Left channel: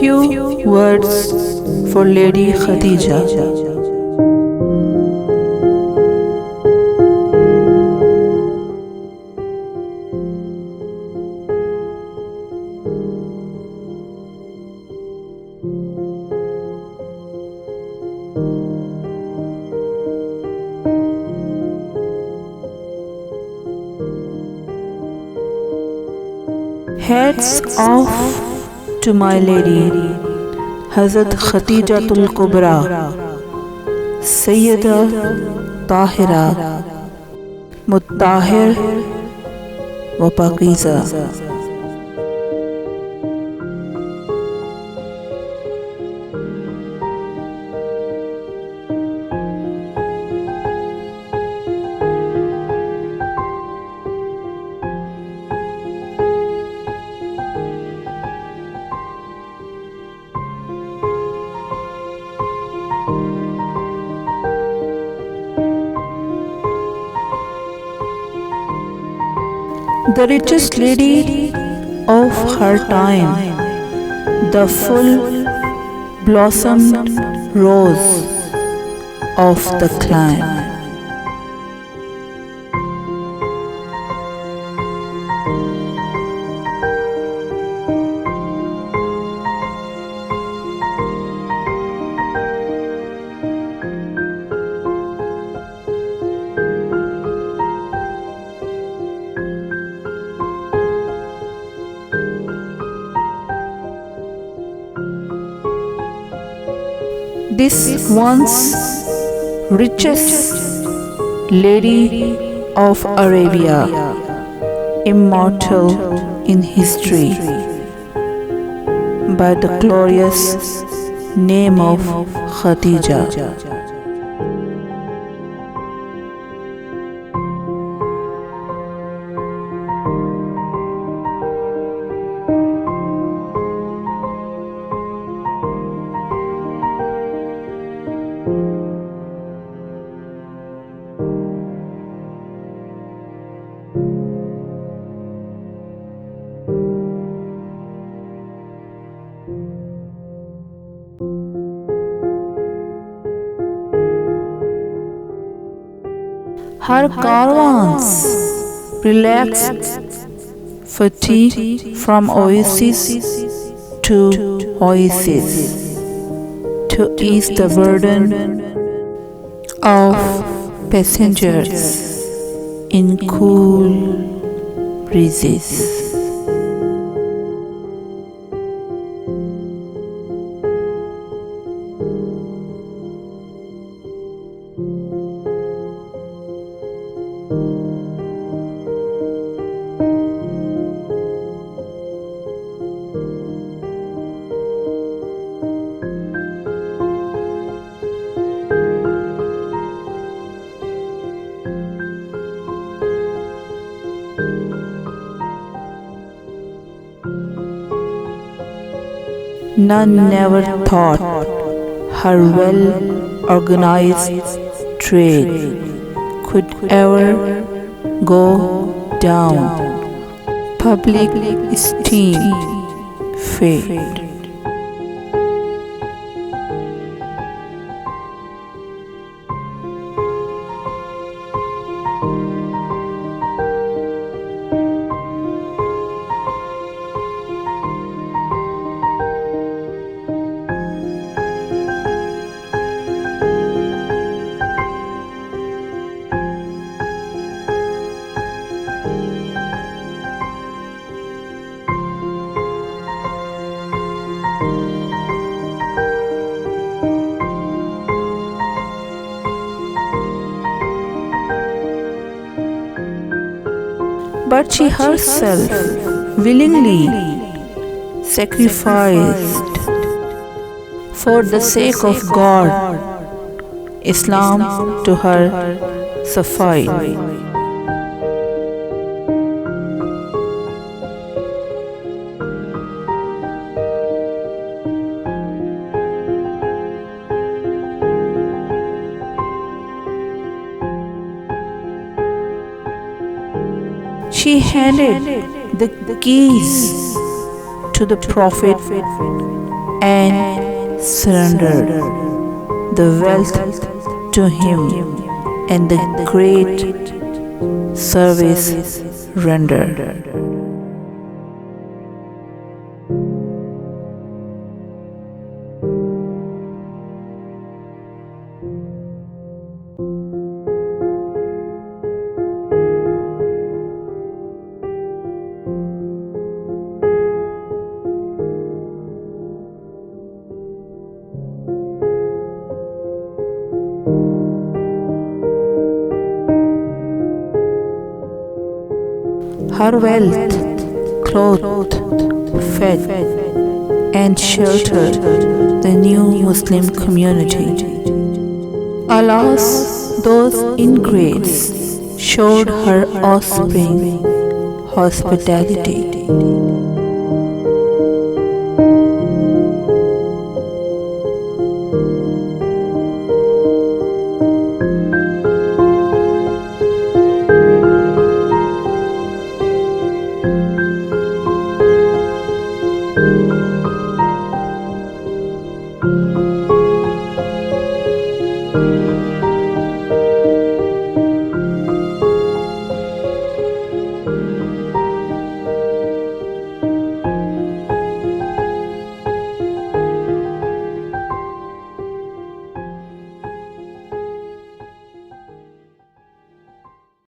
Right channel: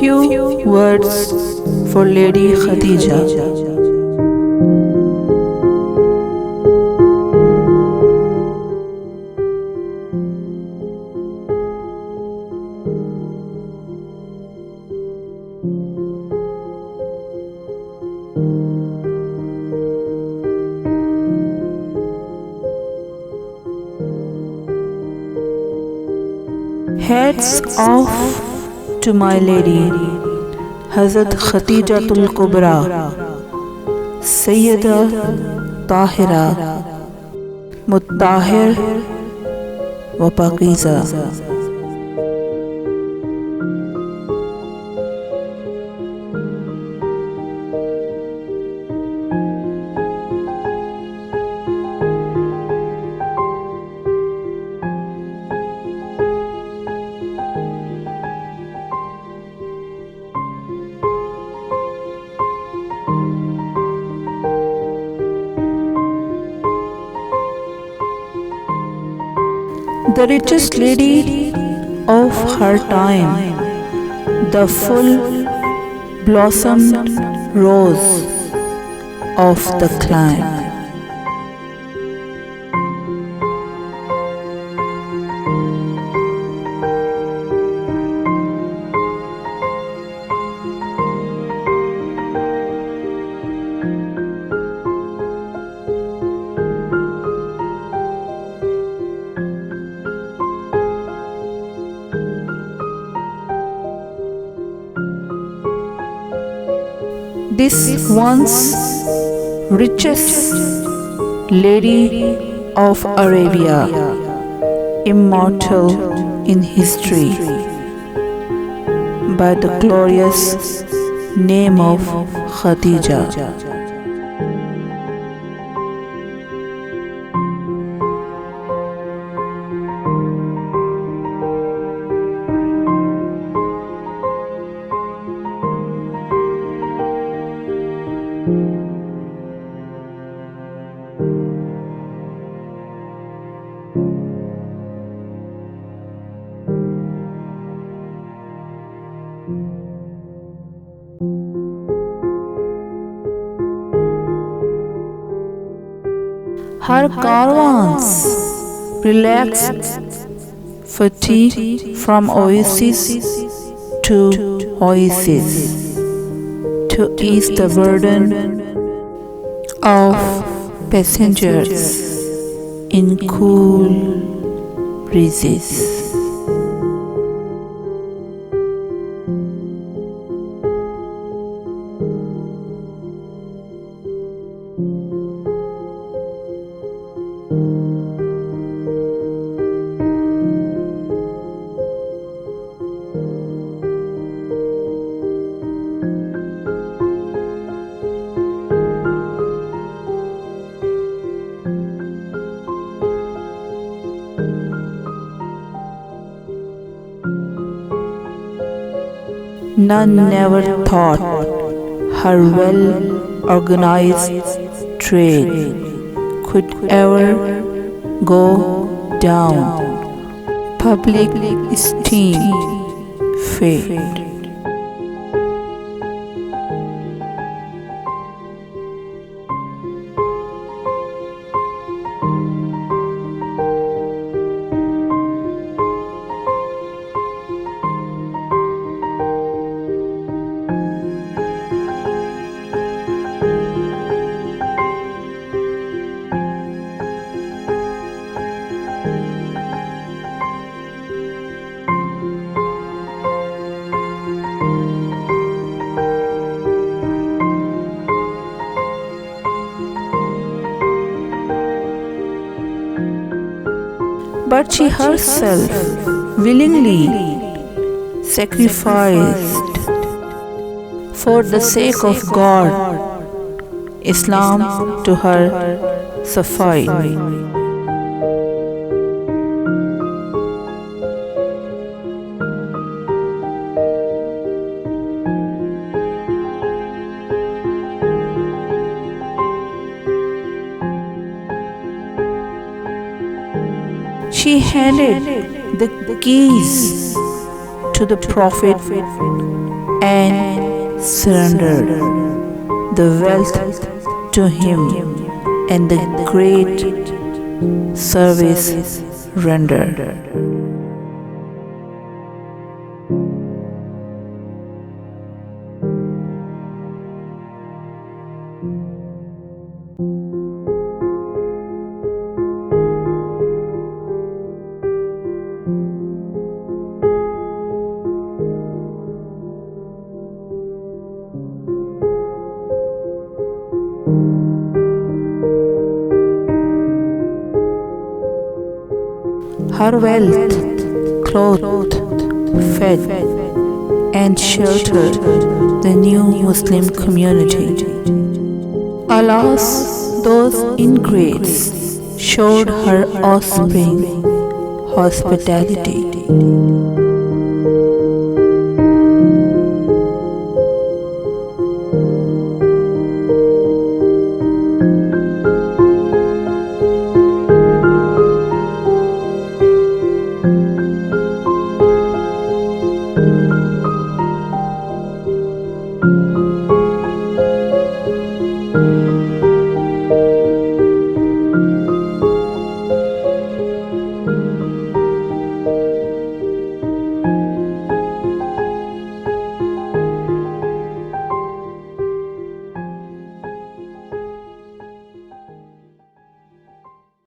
Few words for Lady Khadija. Hats off to my lady, Hazrat Khadija Kubra, Sayyida Tahira, Muttahir wa Pakiza. The richest lady of her time, the full blossomed rose of the clan. This once richest lady of Arabia, immortal in history, by the glorious name of Khadija. Her caravans relaxed fatigue from oasis to oasis to ease the burden of passengers in cool breezes. None never thought her well-organized trade could ever go down. Public esteem fade. But she herself willingly sacrificed for the sake of God. Islam to her sufficed. She handed the keys to the Prophet and surrendered the wealth to him and the great service rendered. Her wealth clothed, fed, and sheltered the new Muslim community. Alas, those ingrates showed her offspring hospitality.